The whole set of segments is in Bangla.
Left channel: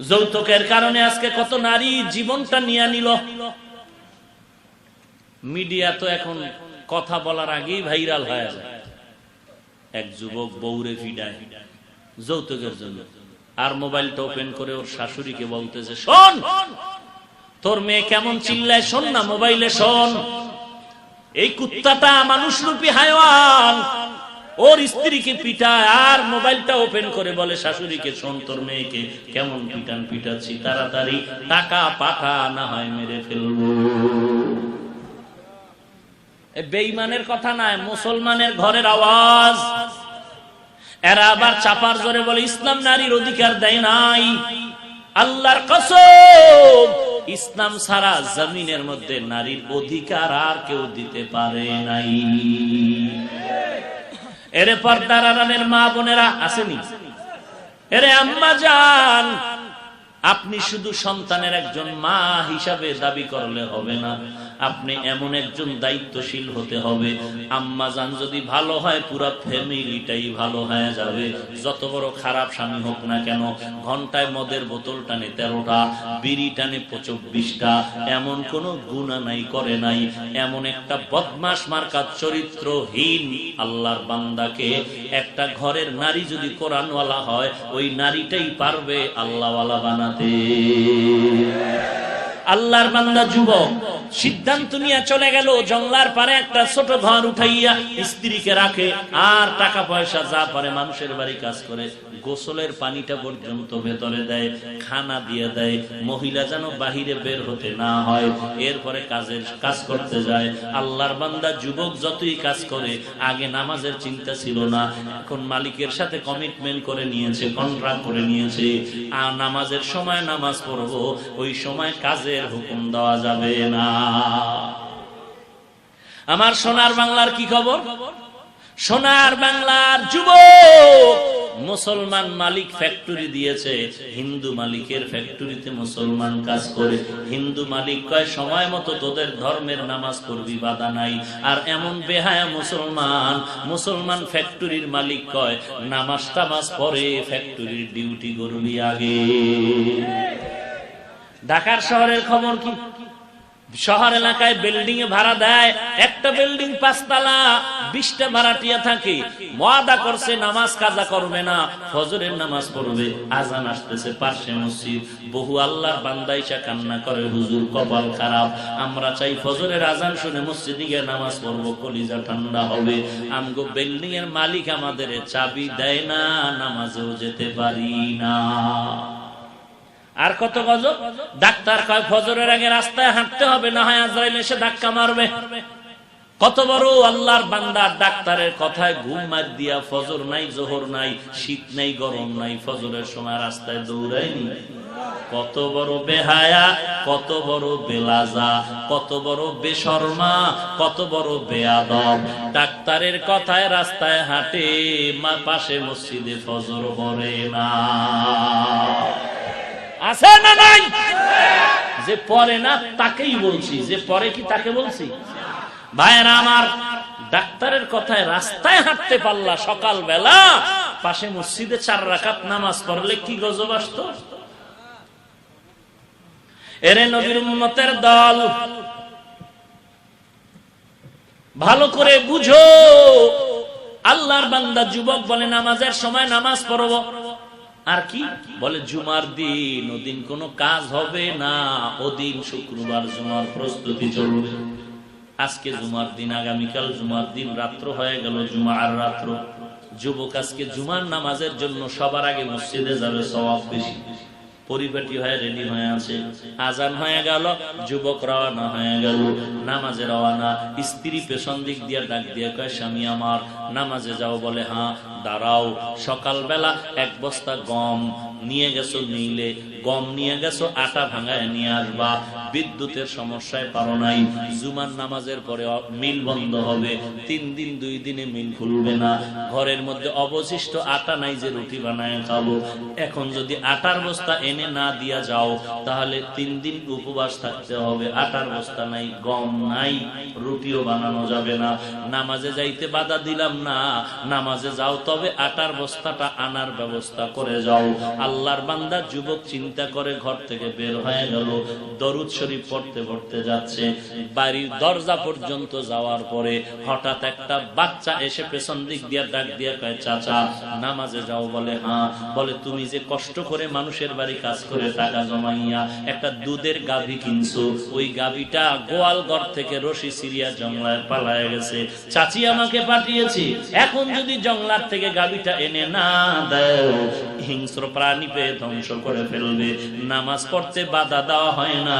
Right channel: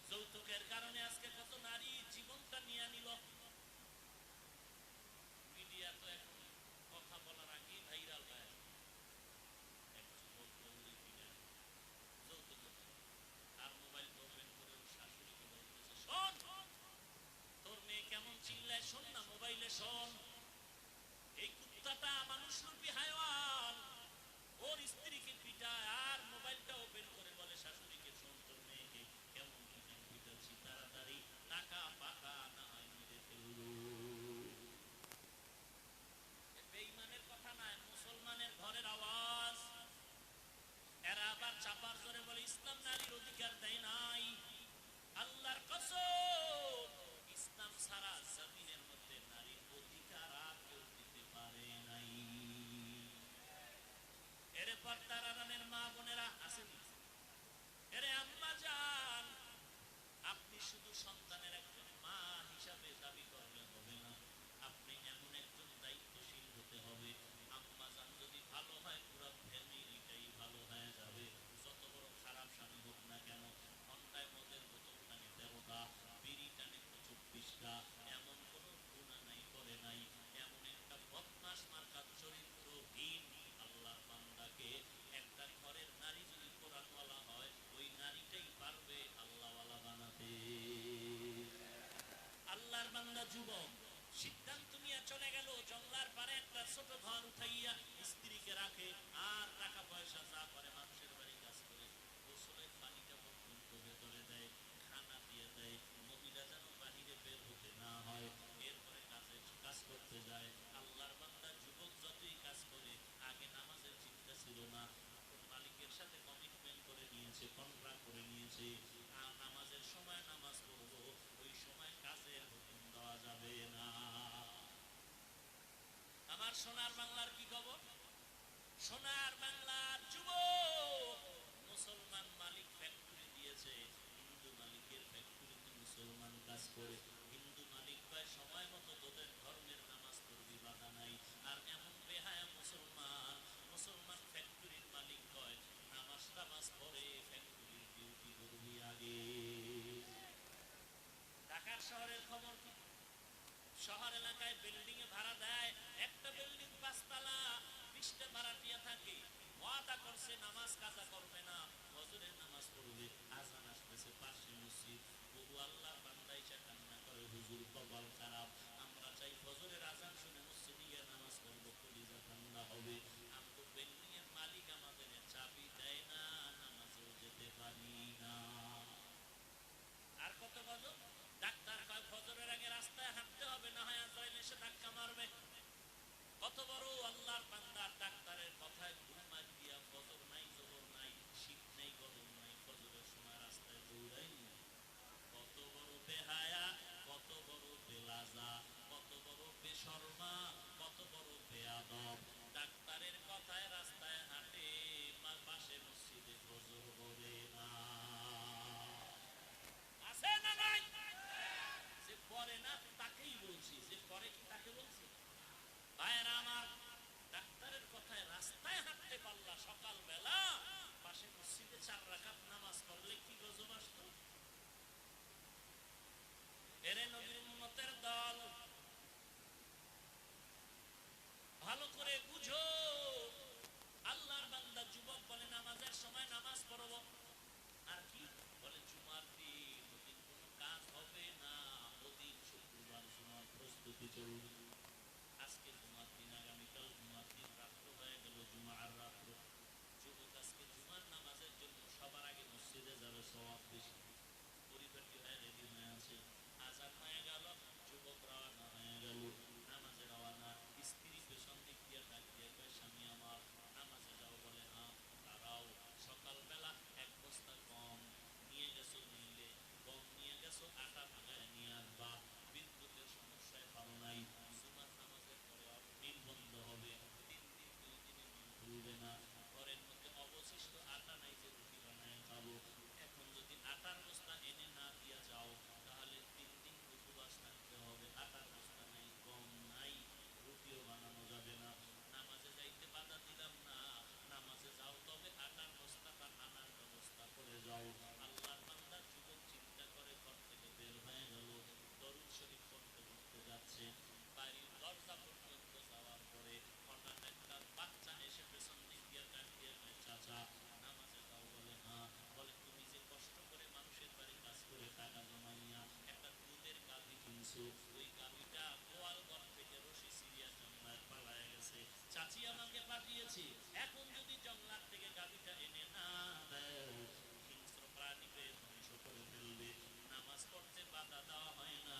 যৌতুকের কারণে আজকে কত নারী জীবনটা নিয়ে নিল। মিডিয়া তো এখন কথা বলার আগেই ভাইরাল হয়ে যায়। এক যুবক বউরে ফিডায় যৌতুকের জন্য। আর মোবাইলটা ওপেন করে ওর শাশুড়িকে বলতেছে, শোন, তোর মেয়ে কেমন চিল্লায়, শোন না, মোবাইলে শোন। এই কুত্তাটা মানুষ রূপী হায়ওয়ান ওর স্ত্রীকে পিটায়, আর মোবাইলটা ওপেন করে বলে, শাশুড়িকে শোন, তোর মেয়েকে কেমন পিটান পিটাচ্ছি, তাড়াতাড়ি টাকা পাঠা না হয় মেরে ফেলব। এ বেঈমানের কথা নয়, মুসলমানের ঘরের আওয়াজ। এরা আবার চাপার জোরে বলে, ইসলাম নারীর অধিকার দেয় নাই। আল্লাহর কসম, ইসলাম সারা জমিনের মধ্যে নারীর অধিকার আর কেউ দিতে পারে নাই। এরে পর্দার আড়ালের মা বোনেরা আসেনি। এরে আম্মা যান আপনি শুধু সন্তানের একজন মা হিসাবে দাবি করলে হবে না, আপনি এমন একজন দায়িত্বশীল হতে হবে। আম্মা যান যদি ভালো হয়, পুরো ফ্যামিলিটাই ভালো হয়ে যাবে। যত বড় খারাপ স্বামী হোক না কেন, ঘন্টায় মদের বোতল টানে তেরোটা, বিড়ি টানে চব্বিশটা এমন কোনো গুণা নাই, করে নাই। এমন একটা বদমাস মার্কা চরিত্রহীন আল্লাহর বান্দাকে একটা ঘরের নারী যদি কোরআনওয়ালা হয়, ওই নারীটাই পারবে আল্লাহওয়ালা বানাতে। الرحيم আল্লাহর বান্দা যুবক, সিদ্ধান্ত নিয়ে চলে গেল, জঙ্গলার পারে একটা ছোট ঘর উঠাইয়া স্ত্রীকে রাখে, আর টাকা পয়সা যা পারে মানুষের বাড়ি কাজ করে, গোসলের পানিটা পর্যন্ত ভেতরে দেয়, খানা দিয়ে দেয়, মহিলা যেন বাহিরে বের হতে না হয়, এরপরে কাজের কাজ করতে যায়। আল্লাহর বান্দা যুবক যতই কাজ করে, আগে নামাজের চিন্তা ছিল না, এখন মালিকের সাথে কমিটমেন্ট করে নিয়েছে কন্ট্রাক্ট করে নিয়েছে আর নামাজের সময় নামাজ পড়ব, ওই সময় কাজের হুকুম দেওয়া যাবে না। আমার সোনার বাংলার কি খবর? সোনার বাংলার যুবক মুসলমান মালিক ফ্যাক্টরি দিয়েছে। হিন্দু মালিকের ফ্যাক্টরিতে মুসলমান কাজ করে। হিন্দু মালিক কয়, সময় মতো তোদের ধর্মের নামাজ পড়বি, বাধা নাই। আর এমন বেহায়া মুসলমান মুসলমান ফ্যাক্টরির মালিক কয়, নামাজ টামাজ পরে ফ্যাক্টরির ডিউটি করবি আগে। ঢাকার শহরের খবর কি? শহর এলাকায় বিল্ডিং এ ভাড়া দেয়, একটা বিল্ডিং পাঁচতলা, বিশটা ভাড়াটিয়া থাকে। ওয়াদা করছে নামাজ কাজা করবে না, ফজরের নামাজ পড়বে, আজান আসতেছে পার্শ্বে মসজিদ। বহু আল্লাহর বান্দাইসা কান্না করে, হুজুর কপাল খারাপ। আমরা চাই ফজরের আজান শুনে মসজিদে গিয়ে নামাজ পড়ব, কলিজা ঠান্ডা হবে। আমগো বিল্ডিং এর মালিক আমাদের চাবি দেয় না, নামাজেও যেতে পারি না। আর কত গজব? ডাক্তার কয়, ফজরের আগে রাস্তায় হাঁটতে হবে, না হয় আজরাইল এসে ধাক্কা মারবে। কত বড় আল্লাহর বান্দার ডাক্তারের কথায় ঘুম মার দিয়া, ফজর নাই, জোহর নাই, শীত নাই, গরম নাই, ফজরের সময় রাস্তায় দৌড়ায়নি। কত বড় বেহায়া, কত বড় বেলাজা, কত বড় বেশর্মা, কত বড় বেয়াদব। ডাক্তারের কথায় রাস্তায় হাঁটে, মা পাশে মসজিদে ফজর পড়ে না। আছে না নাই? যে পরে না, তাকেই বলছি। যে পরে কি তাকে বলছি? ভাইয়েরা, আমার ডাক্তারের কথায় রাস্তায় হাঁটতে পারলা সকাল বেলা পাশে মসজিদে চার রাকাত নামাজ পড়লে কি গজব আসত? এরে নবীর উম্মতের দল, ভালো করে বুঝো। আল্লাহর বান্দা যুবক বলে, নামাজের সময় নামাজ পড়ব। আর কি? বলে, জুমার দিন, ওদিন কোনো কাজ হবে না। ওদিন শুক্রবার জুমার প্রস্তুতি চলবে। আজকে জুমার দিন, আগামীকাল জুমার দিন, রাত্র হয়ে গেল জুমা আর রাত্র। যুবক আজকে জুমার নামাজের জন্য সবার আগে মসজিদে যাবে সবাব বেশি। পরিপাটি হয়ে রেডি হয়ে আছে। আজান হয়ে গেল, যুবক রওনা হয়ে গেল। নামাজে রওনা, স্ত্রী পেছন দিক দিয়ে ডাক দিয়ে কয়, স্বামী আমার, নামাজে যাও। বলে হ্যাঁ। দাঁড়াও, সকালবেলা এক বস্তা গম নিয়ে গেছো, নিলে গম নিয়ে গেছো, আটা ভাঙায় নিয়ে আসবা। বিদ্যুতের সমস্যায় পারো নাই, জুমার নামাজের পরে মিল বন্ধ হবে, তিন দিন, দুই দিনে মিল খুলবে না, ঘরের মধ্যে অবশিষ্ট আটা নাই যে রুটি বানায় খাব। এখন যদি আটার বস্তা এনে না দিয়া যাও, তাহলে তিন দিন উপবাস থাকতে হবে, আটার বস্তা নাই, গম নাই, রুটিও বানানো যাবে না। নামাজে যাইতে বাধা দিলাম না, নামাজে যাও, তবে আটার বস্তাটা আনার ব্যবস্থা করে যাও। আল্লাহর বান্দা যুবক চিন্তা করে ঘর থেকে বের হয়ে গেল, দরুদ শরীফ পড়তে পড়তে যাচ্ছে। বাড়ির দরজা পর্যন্ত যাওয়ার পরে হঠাৎ একটা বাচ্চা এসে পেছন দিক দিয়া ডাক দিয়া কয়, চাচা, নামাজে যাও। বলে হ্যাঁ। বলে, তুমি যে কষ্ট করে মানুষের বাড়ি কাজ করে টাকা জমাইয়া একটা দুধের গাভী কিনছো, ওই গাভীটা গোয়াল ঘর থেকে রশি সিরিয়া জংলায় পালায় গেছে। চাচি আমাকে পাঠিয়েছি। এখন যদি জংলার থেকে গাভীটা এনে না দেও, হিংস্র প্রাণী পেয়ে ধ্বংস করে ফেলবে। নামাজ পড়তে বাধা দেওয়া হয় না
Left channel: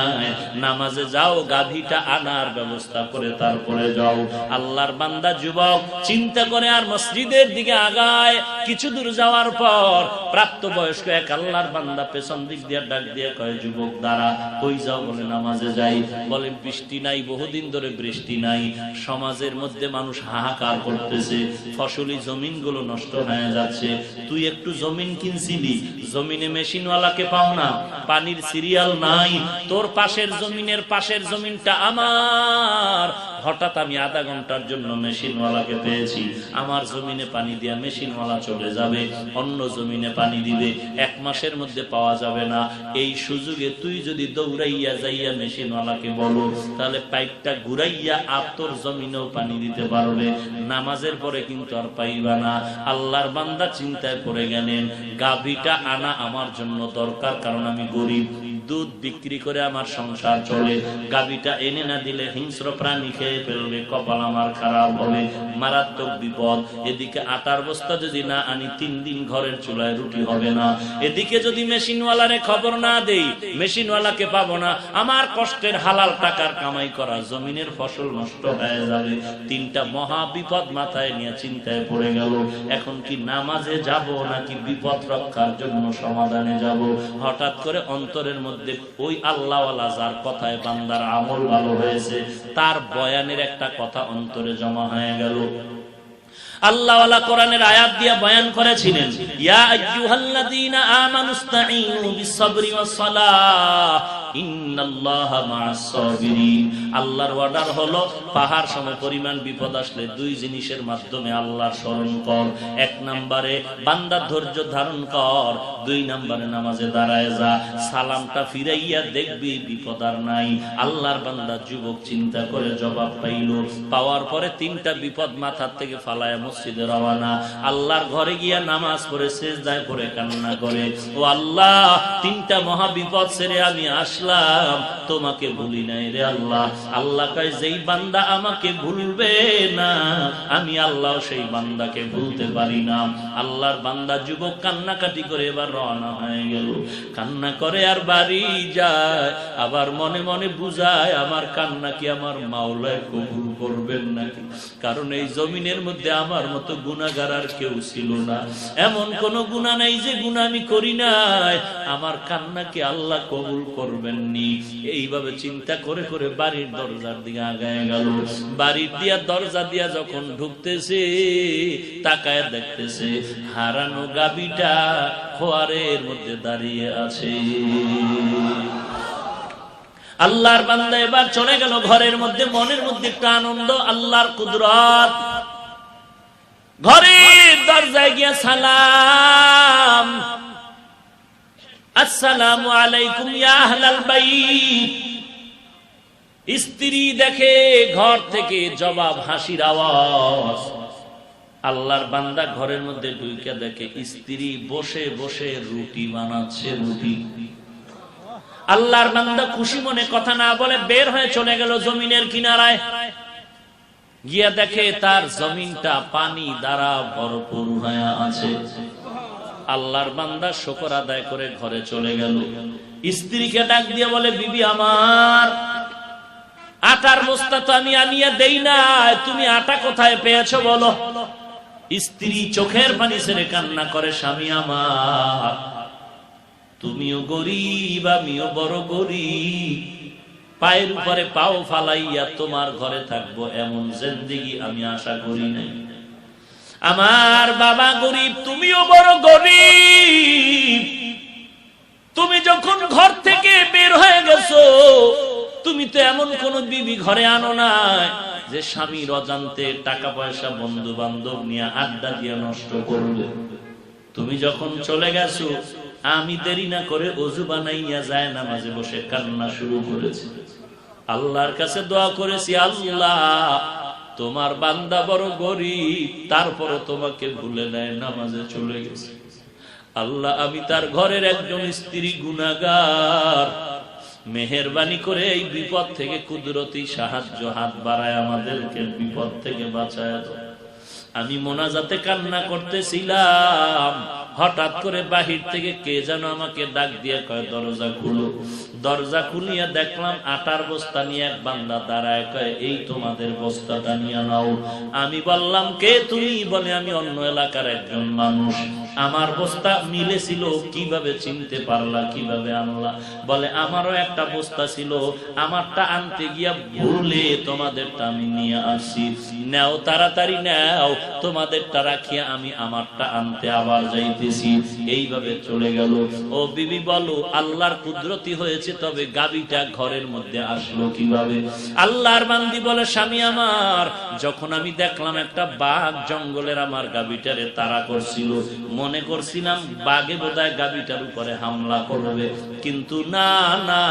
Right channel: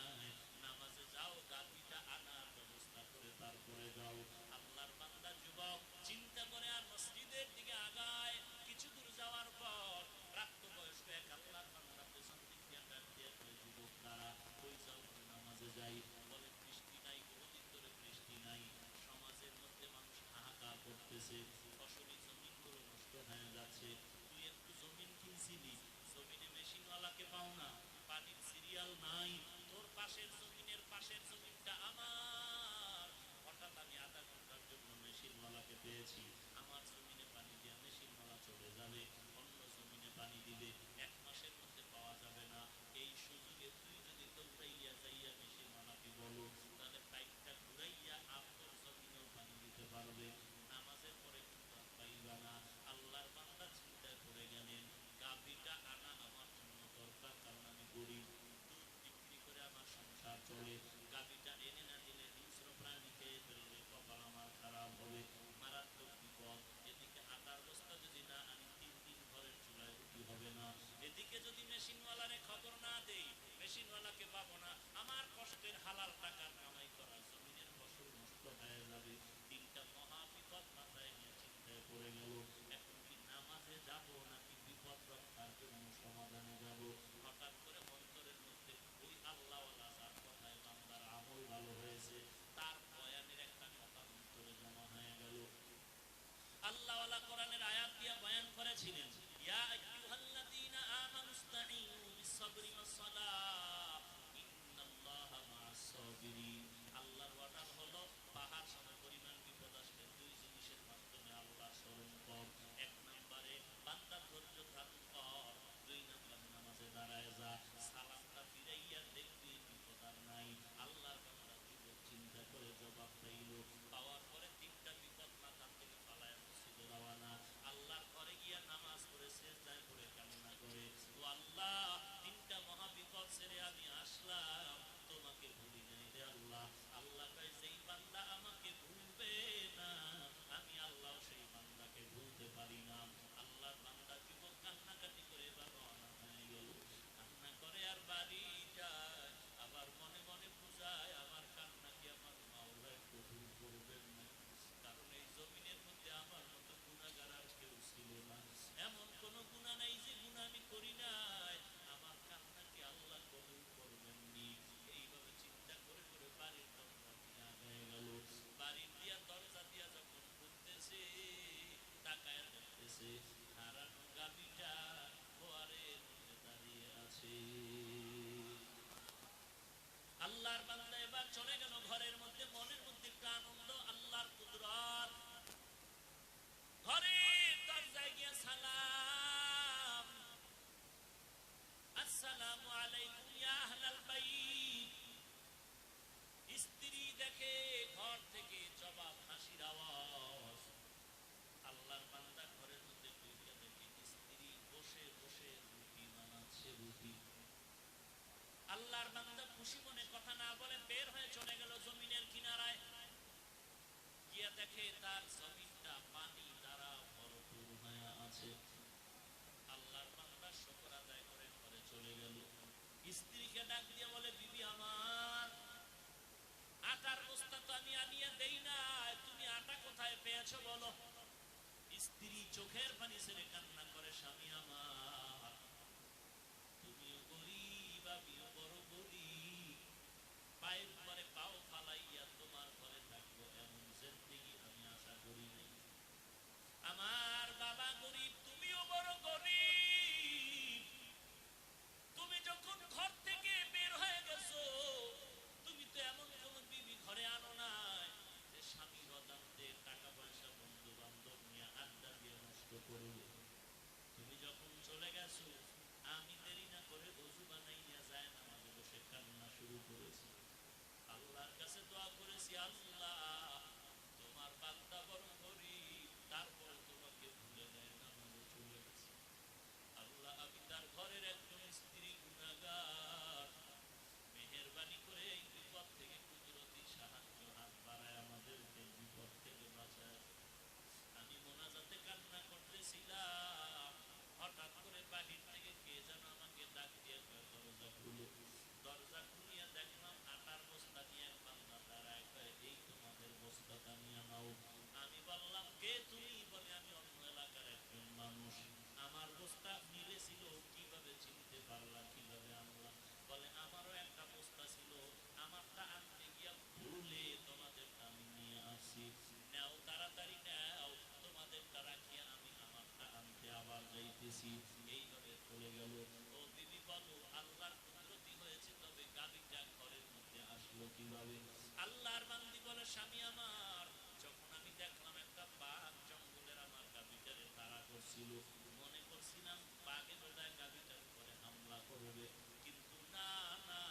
নামাজে যাও, গাভীটা আনার ব্যবস্থা করে তারপরে যাও। আল্লাহর বান্দা যুবক, চিন্তা করে আর মসজিদের দিকে আগায়। কিছু দূর যাওয়ার পর প্রাপ্ত বয়স্ক এক আল্লাহর বান্দা পেছন দিক দিয়ে ডাক দিয়ে কয়, যুবক দ্বারা কই যাও? বলে, নামাজে যাই। বলে বৃষ্টি নাই, বহুদিন ধরে বৃষ্টি নাই। সমাজের মধ্যে মানুষ হাহাকার করতেছে। ফসলি জমিনগুলো নষ্ট হয়ে যাচ্ছে। তুই একটু জমিন কিনছিলি। জমিনে মেশিনওয়ালাকে পাও না। পানির সিরিয়াল নাই। তোর পাশের জমিনের পাশের জমিনটা আমার। হঠাৎ আমি আধা ঘণ্টার জন্য মেশিনওয়ালাকে পেয়েছি। আমার জমিনে পানি দিয়া মেশিনওয়ালা চলে যাবে, অন্য জমিনে পানি দিবে, এক মাসের মধ্যে পাওয়া যাবে না। এই সুযোগে তুই যদি দৌড়াইয়া যাইয়া মেশিনওয়ালাকে বলো, তাহলে পাইপটা ঘুরাইয়া আর তোর জমিনেও পানি দিতে পারবে। নামাজের পরে কিন্তু আর পাইবা না। আল্লাহর বান্দা চিন্তায় পড়ে গেলেন, গাভীটা আনা আমার জন্য দরকার, কারণ আমি গরিব। দুধ বিক্রি করে আমার সংসার চলে। গাভীটা এনে না দিলে হিংস্র প্রাণী খেয়ে ফেলবে, কপাল আমার খারাপ হবে, মারাত্মক বিপদ। এদিকে আটার বস্তা যদি না আনি, তিন দিন ঘরের চুলায় রুটি হবে না। এদিকে যদি মেশিনওয়ালারে খবর না দেই, মেশিনওয়ালাকে পাবো না। আমার কষ্টের হালাল টাকার কামাই করা, জমিনের ফসল নষ্ট হয়ে যাবে। তিনটা মহা বিপদ মাথায় নিয়ে চিন্তায় পড়ে গেল। এখন কি নামাজে যাব, নাকি বিপদ রক্ষার জন্য সমাধানে যাব? হঠাৎ করে অন্তরের মধ্যে ওই আল্লাহওয়ালা যার কথায় বান্দার আমল ভালো হয়েছে। তার বয়ানের একটা কথা অন্তরে জমা হয়ে গেল। আল্লাহওয়ালা কোরআনের আয়াত দিয়া বয়ান করেছিলেন বান্দার ধারণ কর, দুই নম্বরে নামাজে দাঁড়ায় সালামটা ফিরাইয়া দেখবি বিপদ আর নাই। আল্লাহর বান্দা যুবক চিন্তা করে জবাব পাইল, পাওয়ার পরে তিনটা বিপদ মাথার থেকে ফালায় মসজিদে রওয়ানা। আল্লাহর ঘরে গিয়া নামাজ পড়ে শেষদায় পড়ে, কান্না করে। ও আল্লাহ, তিনটা মহা বিপদ ছেড়ে আমি আসলাম। তোমাকে ভুলি নাই রে আল্লাহ। আল্লাহ কয়, যেই বান্দা আমাকে ভুলবে না, আমি আল্লাহ সেই বান্দাকে ভুলতে পারি না। আল্লাহর বান্দা যুবক কান্নাকাটি করে এবার রওনা হয়ে গেল। কান্না করে আর বাড়ি যায়। আবার মনে মনে বুঝায়, আমার কান্না কি আমার মাওলায় কবুল করবেন নাকি? কারণ এই জমিনের মধ্যে আমার মতো গুণাগার আর কেউ ছিল না। এমন কোন গুণা নাই যে গুণা আমি করি নাই। আমার কান্না কি আল্লাহ কবুল করবেননি। এইভাবে চিন্তা করে করে বাড়ির দরজার দিকে আগায় গেল। বাড়ির দিয়া দরজা দিয়া যখন ঢুকতেছে, তাকায় দেখতেছে, হারানো গাবিটা খোয়ারের মধ্যে দাঁড়িয়ে আছে। আল্লাহর বান্দা এবার চলে গেল ঘরের মধ্যে, মনের মধ্যে একটা আনন্দ, আল্লাহর কুদরত। ঘরের দরজায় গিয়া সালাম। আসসালামু আলাইকুম ইয়া স্ত্রী দেখে ঘর থেকে জবাব হাসির আওয়াজ। আল্লাহর বান্দা ঘরের মধ্যে ঢুকে দেখে স্ত্রী বসে বসে রুটি বানাচ্ছে রুটি। আল্লাহর বান্দা খুশি মনে কথা না বলে বের হয়ে চলে গেল জমিনের কিনারায়। গিয়া দেখে তার জমিনটা পানি দ্বারা ভরপুর হয়ে আছে। আল্লাহর বান্দা শকর আদায় করে ঘরে চলে গেল। স্ত্রীকে ডাক দিয়ে বলে, বিবি আমার, আটার বস্তা তো আমি আনিয়া দেই না তুমি আটা কোথায় পেয়েছ বলো? স্ত্রী চোখের পানি ছেড়ে কান্না করে, স্বামী আমার, তুমিও গরিব, আমিও বড় গরিব পায়ের উপরে পাও ফালাইয়া তোমার ঘরে থাকব, এমন জিন্দিগি আমি আশা করি নাই। আমার বাবা গরিব, তুমিও বড় গরিব। তুমি যখন ঘর থেকে বের হয়ে গেছো, তুমি তো এমন কোন বিবি ঘরে আনো নাই যে স্বামীর অজান্তে টাকা পয়সা বন্ধু বান্ধব নিয়ে আড্ডা দিয়ে নষ্ট করবে। তুমি যখন চলে গেছো আমি দেরি না করে অজু বানাইয়া যায় না মাঝে বসে কান্না শুরু করেছি। আল্লাহর কাছে দোয়া করেছি, আল্লাহ, তোমার বান্দা বড় গরিব, তারপরও তোমাকে ভুলে নেয় নামাজে চলে গেছে। আল্লাহ, আমি তার ঘরের একজন স্ত্রী গুনাগার মেহরবানি করে এই বিপদ থেকে কুদরতি সাহায্য, হাত বাড়ায় আমাদেরকে বিপদ থেকে বাঁচায় আমি মোনাজাতে কান্না করতেছিলাম হঠাৎ করে বাহির থেকে কে যেন আমাকে ডাক দিয়ে কয়, দরজা খুলো। দরজা খুলিয়া দেখলাম আটার বস্তা নিয়ে এক বান্দা দাঁড়ায় কয়, এই তোমাদের বস্তাটা নিয়ে নাও। আমি বললাম, কে তুমি? বলে, আমি অন্য এলাকার একজন মানুষ। আমার বস্তা মিলেছিল কীভাবে চিনতে পারলা, কীভাবে আনলা? বলে, আমারও একটা বস্তা ছিল, আমারটা আনতে গিয়া ভুলে তোমাদেরটা আমি নিয়ে আসি। নাও, তাড়াতাড়ি নাও, তোমাদেরটা রাখিয়া আমি আমারটা আনতে আবার যাইতেছি। এইভাবে চলে গেল। ও বিবি, বলো, আল্লাহর কুদরতি হয়েছে, তবে গাবিটা ঘরের মধ্যে আসলো কীভাবে? আল্লাহর বান্দি বলে, স্বামী আমার, যখন আমি দেখলাম একটা বাঘ জঙ্গলের আমার গাবিটারে তারা করছিল মনে করছিলাম বাঘে বোধহয় গাবিটার উপরে হামলা করবে। কিন্তু না না,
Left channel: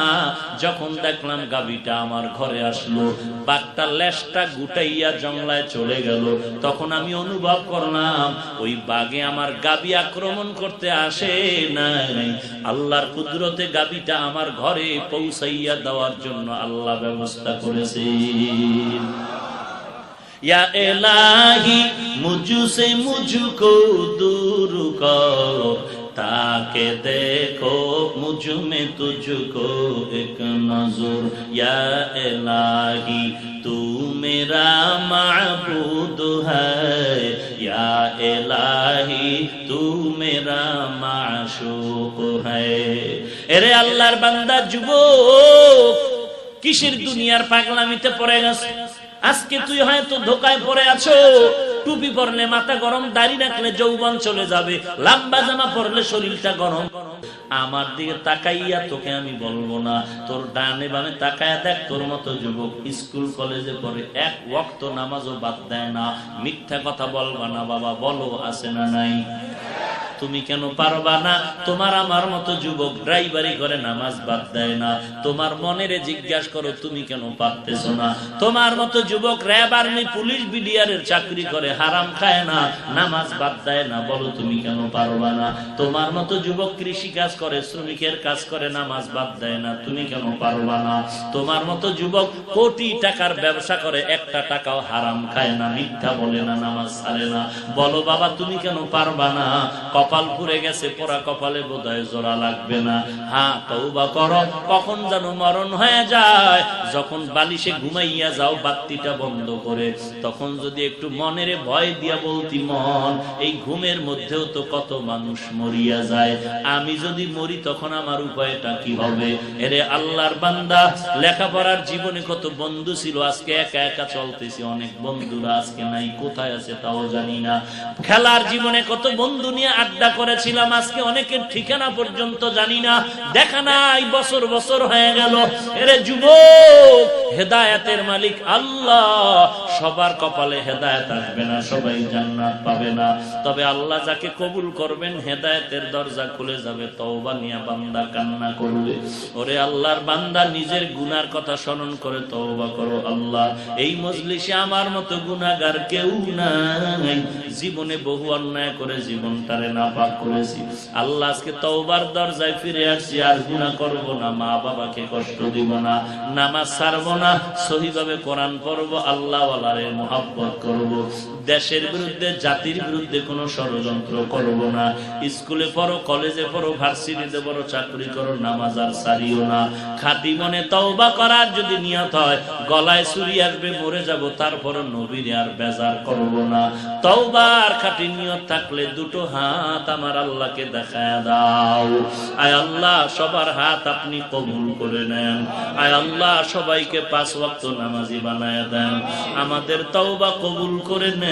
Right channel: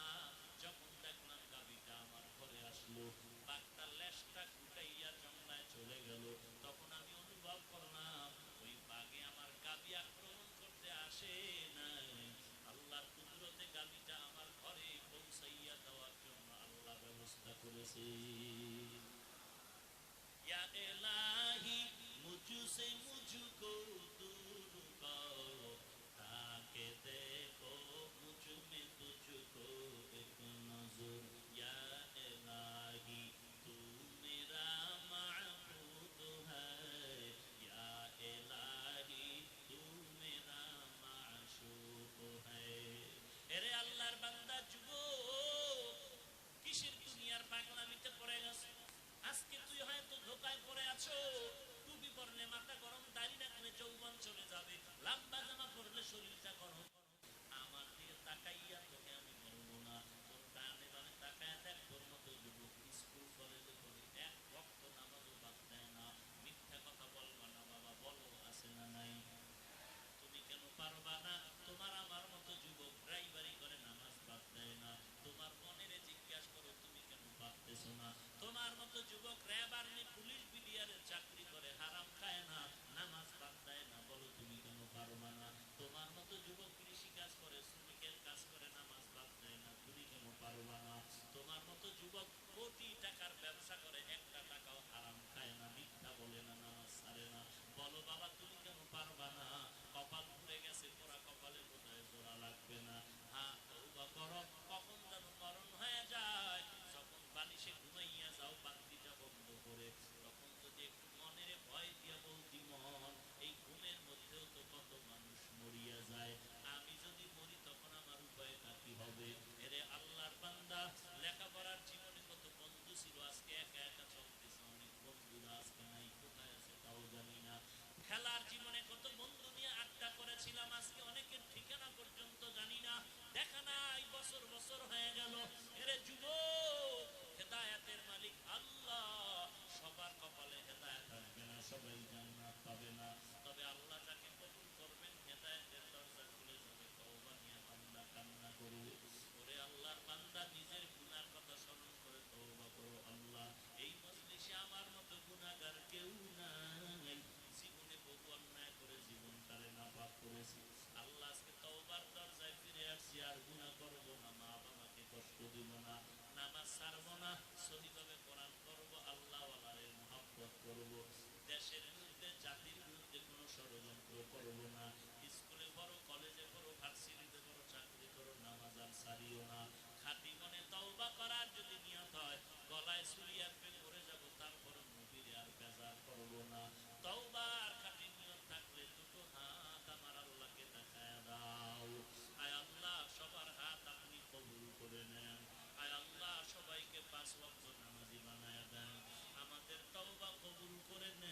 যখন দেখলাম গাবিটা আমার ঘরে আসলো, বাঘটা লেজটা গুটাইয়া জংলায় চলে গেল। তখন আমি অনুভব করলাম, ওই বাঘে আমার গাবি আক্রমণ করতে আসে নাই। আল্লাহর কুদরতে গাবিটা আমার ঘরে পৌঁছাইয়া দেওয়ার জন্য আল্লাহ ব্যবস্থা করেছে। या इलाही मुझसे मुझको दूर करो ताके देखो मुझ में तुझको एक नजर या इलाही तू मेरा माबूद है या इलाही तू मेरा माशूक है এরে আল্লাহর বান্দা যুবক কিসের দুনিয়ার পাগলামিতে পড়ে গেছে আজকে তুই হয়তো ধোকায় পড়ে আছো। টুপি পরলে মাথা গরম, দাড়ি রাখলে যৌবন চলে যাবে। লাম্বা জামা পরলে শরীরটা গরম। আমার দিকে তাকাইয়া তোকে আমি বলব না। তোর ডানে বামে তাকায়া দেখ, তোর মতো যুবক স্কুল, কলেজে পড়ে এক ওয়াক্ত নামাজও বাদ দেয় না। মিথ্যা কথা বলবা না বাবা, বলো আছে না নাই? তুমি কেন পারবা না? তোমার আমার মতো যুবক ড্রাইভারি করে নামাজ বাদ দেয় না। তোমার মনেরে জিজ্ঞাসা করো, তুমি কেন পারতেছো না? তোমার মতো যুবক র্যাব আর্মি, পুলিশ বিডিআর এর চাকরি করে হারাম খায় না, নামাজ বাদ দেয় না, বলো তুমি কেন পারবা না? তোমার মতো যুবক কৃষি কাজ করে, শ্রমিকের কাজ করে, নামাজ বাদ দেয় না, তুমি কেন পারবা না? তোমার মতো যুবক কোটি টাকার ব্যবসা করে, একটা টাকাও হারাম খায় না, মিথ্যা বলে না, নামাজ ছাড়ে না। বলো বাবা, তুমি কেন পারবা না? কপাল পুড়ে গেছে, পোড়া কপালে বোধহয় জোড়া লাগবে না। হ্যাঁ তৌবা করো, কখন যেন মরণ হয়ে যায়, যখন বালিশে ঘুমাইয়া যাও, বাত্তিটা বন্ধ করে। তখন যদি একটু মনের ভয় দিয়া বলতি, মন, এই ঘুমের মধ্যেও তো কত মানুষ মরিয়া যায়। আমি যদি মরি তখন আমার উপায়টা কি হবে? এরে আল্লাহর বান্দা, লেখাপড়ার জীবনে কত বন্ধু ছিল, আজকে একা একা চলতেছি, অনেক বন্ধুরা আজকে নাই, কোথায় আছে তাও জানি না। খেলার জীবনে কত বন্ধু নিয়ে আড্ডা করেছিলাম, আজকে অনেকের ঠিকানা পর্যন্ত জানি না, দেখা নাই, বছর বছর হয়ে গেল। এরে যুবক, হেদায়েতের মালিক আল্লাহ, সবার কপালে হেদায়েত আসবে না। সবাই জান্নাত পাবে না। তবে আল্লাহ যাকে কবুল করবেন, হেদায়েতের দরজা খুলে যাবে, তওবা নিয়া বান্দা কান্না করবে। ওরে আল্লাহর বান্দা, নিজের গুনার কথা স্মরণ করে তওবা করো আল্লাহ। এই মজলিসে আমার মতো গুনাহগার কেউ নাই। জীবনে বহু অন্যায় করে জীবনটারে নাপাক করেছি। আল্লাহ আজকে তওবার দরজায় ফিরে আসছি, আর গুনাহ করব না মা বাবাকে কষ্ট দিব না, নামাজ ছাড়ব না, সহিভাবে কোরআন পড়ব আল্লাহ ওয়ালারে মোহাব্বত করব। দেশের বিরুদ্ধে, জাতির বিরুদ্ধে কোনো ষড়যন্ত্র করব না। স্কুলে পড়ো, কলেজে পড়ো, ভার্সিটিতে পড়ো, চাকরি করো, নামাজ আর সারিও না। খাটি মনে তওবা করার যদি নিয়ত হয়, গলায় চুরি আসবে, মরে যাব, তারপর নবীর আর বেজার করব না। তওবার খাটি নিয়ত থাকলে দুটো হাত আমার আল্লাহকে দেখায় দাও। আয় আল্লাহ, সবার হাত আপনি কবুল করে নেন। আয় আল্লাহ, সবাইকে পাঁচ ওয়াক্ত নামাজি বানায় দেন। আমাদের তওবা কবুল করে নেন।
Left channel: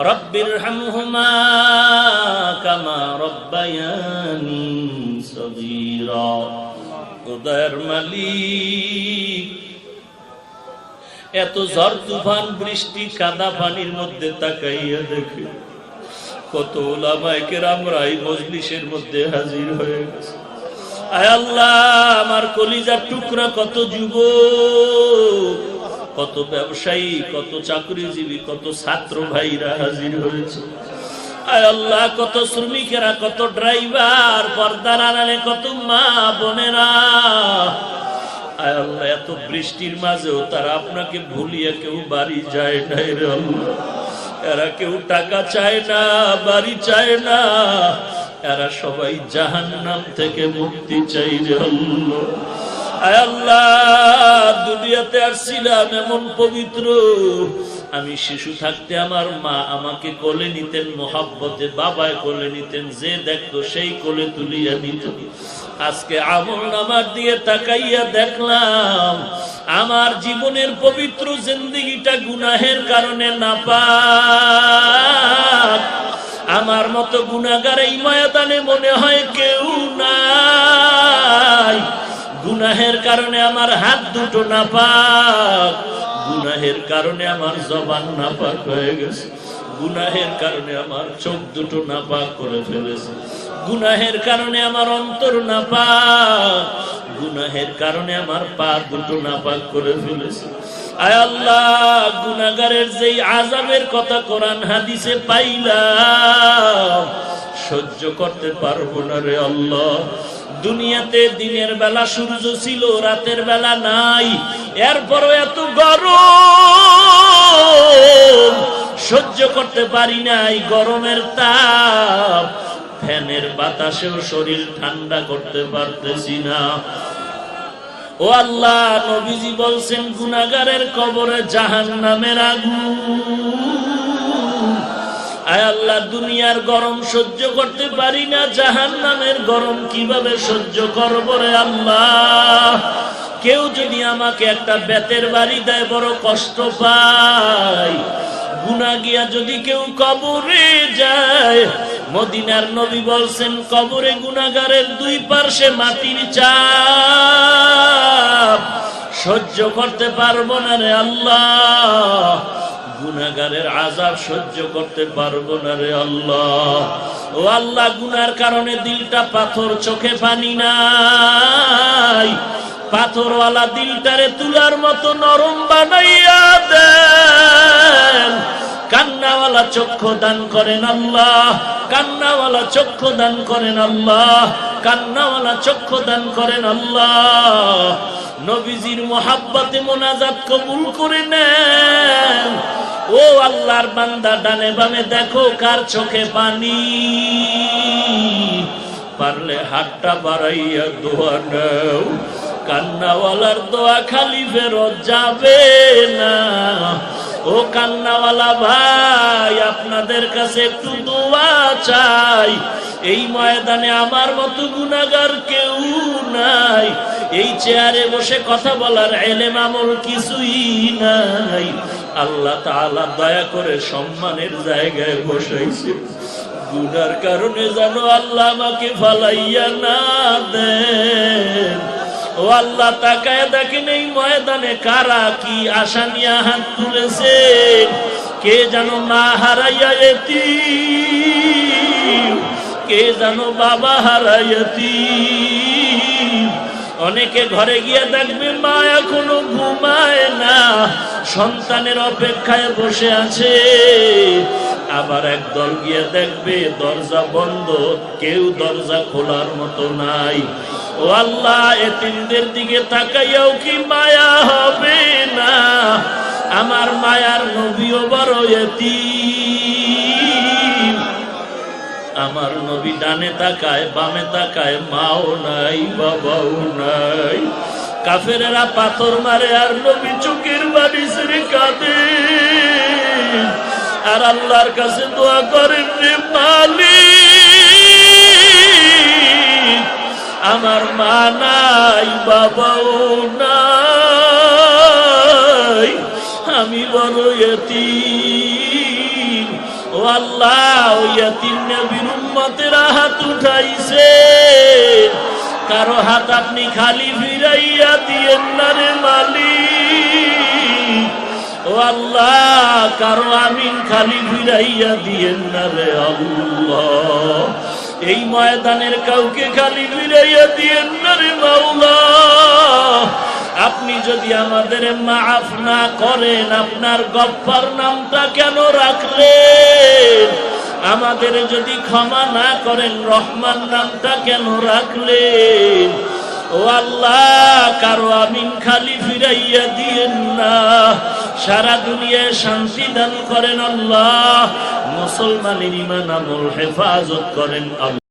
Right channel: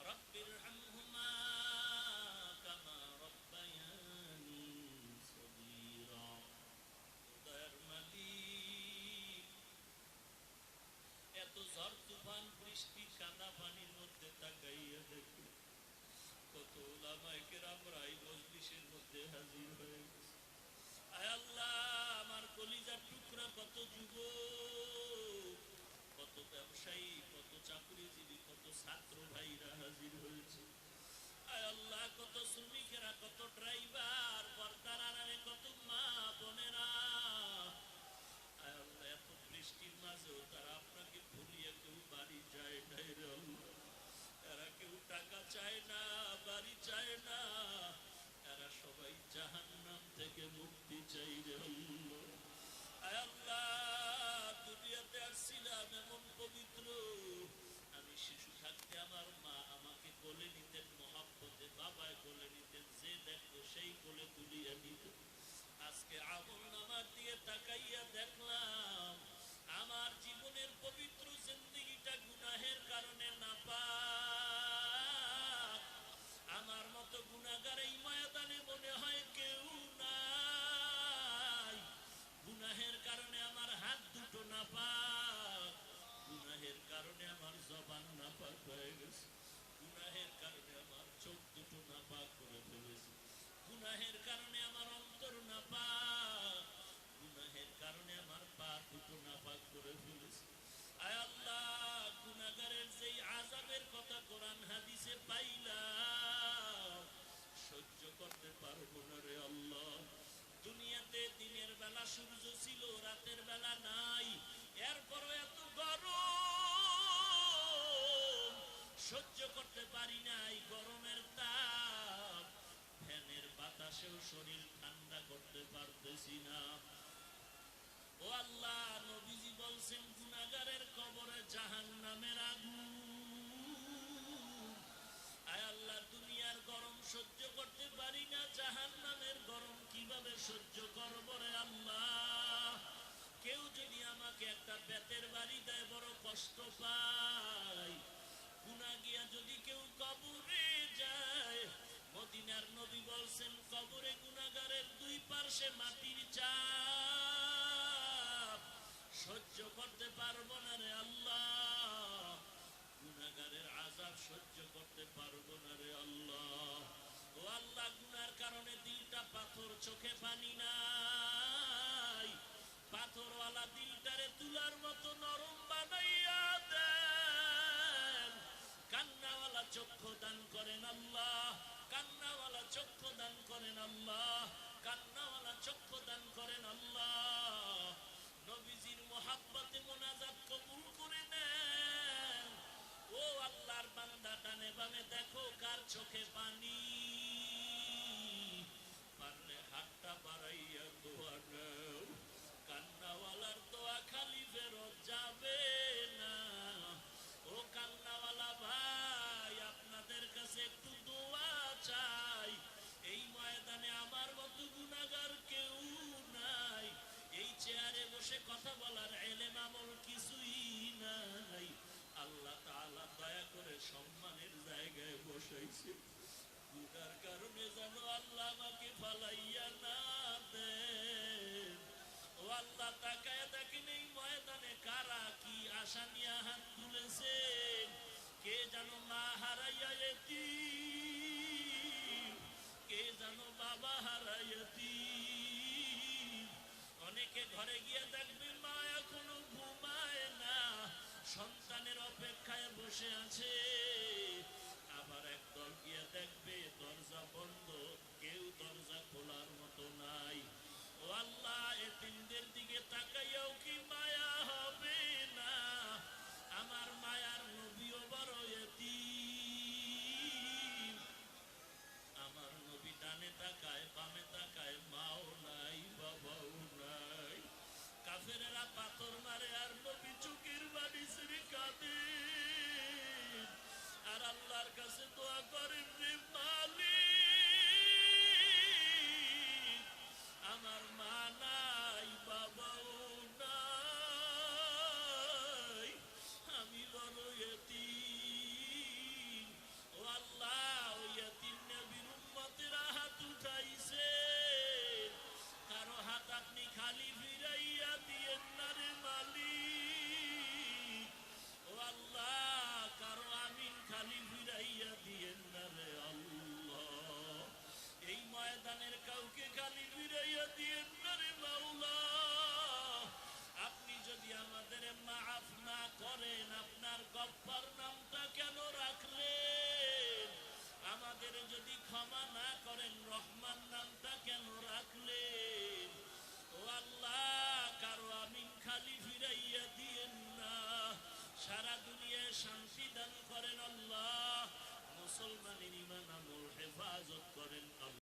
رب ارحمهما كما ربياني صغيرا উদয়ের মালিক এত ঝড় তুফান বৃষ্টি কাদা পানির মধ্যে তাকাইয়া দেখে কত ওলামাইকের আমরা এই মজলিসের মধ্যে হাজির হয়ে গেছে আয় আল্লাহ আমার কলিজার টুকরা কত যুব কত ব্যবসায়ী, কত চাকরিজীবী, কত ছাত্র ভাইরা হাজির হয়েছে। কত শ্রমিকেরা, কত ড্রাইভার, পর্দার আড়ালে, কত মা বোনেরা। আল্লাহ, এত বৃষ্টির মাঝেও তারা আপনাকে ভুলিয়ে কেউ বাড়ি যায় রে এরা কেউ টাকা চায় না, বাড়ি চায় না। এরা সবাই জাহান নাম থেকে মুক্তি চাই রে আল্লাহ। আল্লাহ, দুনিয়াতে আসছিলাম এমন পবিত্র। আমি শিশু থাকতে আমার মা আমাকে কোলে নিতেন, মোহাব্বতে বাবায় কোলে নিতেন, যে দেখতো সেই কোলে তুলিয়া নিত আজকে আমল নামার দিয়ে তাকাইয়া দেখলাম, আমার জীবনের পবিত্র জিন্দিগিটা গুনাহের কারণে না পাক আমার মতো গুনাগার এই ময়দানে মনে হয় কেউ কারণে আমার হাত দুটো না পাক গুনাহের কারণে আমার জবান না পাক হয়ে গেছে, গুনাহের কারণে আমার চোখ দুটো না পাক করে ফেলেছে, গুনাহের কারণে আমার অন্তর না পাক গুনাহের কারণে আমার পা দুটো না পাক করে ফেলেছে। আয় আল্লাহ গুনাগারের যেই আজাবের কথা কোরআন হাদিসে পাইলাম সহ্য করতে পারব না রে আল্লাহ। দুনিয়াতে দিনের বেলা সূর্য ছিল, রাতের বেলা নাই। এরপরও এত গরম। সহ্য করতে পারি নাই গরমের তাপ। ফ্যানের বাতাসেও শরীর ঠান্ডা করতে পারতেছি না। ও আল্লাহ, নবীজি বলছেন গুনাগারের কবরে জাহান নামের আগুন। আল্লাহ, দুনিয়ার গরম সহ্য করতে পারি না জাহান নামের গরম কীভাবে সহ্য করব রে আল্লাহ? কেউ যদি আমাকে একটা বেতের বাড়ি দেয়, বড় কষ্ট পায়। গুনা গিয়া যদি কেউ কবরে যায়, মদিনার নবী বলছেন, কবরে গুনাগারের দুই পার্শ্বে মাটির চাপ। সহ্য করতে পারব না রে আল্লাহ। গুনাগারের আজাব সহ্য করতে পারব না রে আল্লাহ। ও আল্লাহ, গুনার কারণে দিলটা পাথর, চোখে পানি নাই। পাথরওয়ালা দিলটারে তুলার মতো নরম বানাইয়া দেন। কান্নাওয়ালা চক্ষু দান করেন আল্লাহ, কান্নাওয়ালা চক্ষু দান করেন আল্লাহ, কান্নাওয়ালা চক্ষু দান করেন আল্লাহ। নবীজির মোহাব্বতে মোনাজাত কবুল করে নেন। ও আল্লাহর বান্দা, ডানে বামে দেখো কার চোখে পানি। পারলে হাতটা বাড়াইয়া দোয়া নাও। কান্নাওয়ালার দোয়া খালি ফেরত যাবে না। ও কান্নাওয়ালা ভাই, আপনাদের কাছে একটু দোয়া চাই। এই ময়দানে আমার মতো গুনাগার কেউ নাই। এই চেয়ারে বসে কথা বলার এলেম আমল কিছুই নাই। আল্লাহ তাআলা দয়া করে সম্মানের জায়গায় বসাইছে। গুনার কারণে জানো আল্লাহ আমাকে ফালাইয়া না দেন। ও আল্লাহ তাকায় দেখেন এই ময়দানে কারা কি আশা নিয়ে হাত তুলেছে। কে জানো মা হারাইয়া এতি কে জানো বাবা হারাইয়াতি অনেকে ঘরে গিয়ে দেখবে মা এখনও ঘুমায় না। সন্তানের অপেক্ষায় বসে আছে। আবার একদল গিয়ে দেখবে দরজা বন্ধ, কেউ দরজা খোলার মতো নাই। ও আল্লাহ, এতিমদের দিকে তাকাইয়াও কি মায়া হবে না? আমার মায়ার নবীও বড় এতিম। আমার নবী ডানে তাকায়, বামে তাকায়, মাও নাই, বাবাও নাই। কাফেরেরা পাথর মারে আর নবী চোখের বাড়ি সেরে কাঁদে। আর আল্লাহর কাছে দোয়া করেন রে মালিক, আমার মা নাই, বাবাও নাই। আমি বড় এতিম। আল্লাহ উঠাইছে। কারও হাত আপনি খালি ফিরাইয়া দিয়েন না রে মালিক। ও আল্লাহ, কারও আমিন খালি ফিরাইয়া দিয়েন না রে এই ময়দানের কাউকে খালি ফিরাইয়া দিয়েন না রে মাওলা। আপনি যদি আমাদের মাফ না করেন, আপনার গপ্পার নামটা কেন রাখলেন? আমাদের যদি ক্ষমা না করেন, রহমান নামটা কেন রাখলেন? ও আল্লাহ, কারও আমিন খালি ফিরাইয়া দিয়েন না। সারা দুনিয়ায় শান্তি দান করেন আল্লাহ। মুসলমানের ইমান আমল হেফাজত করেন আল্লাহ।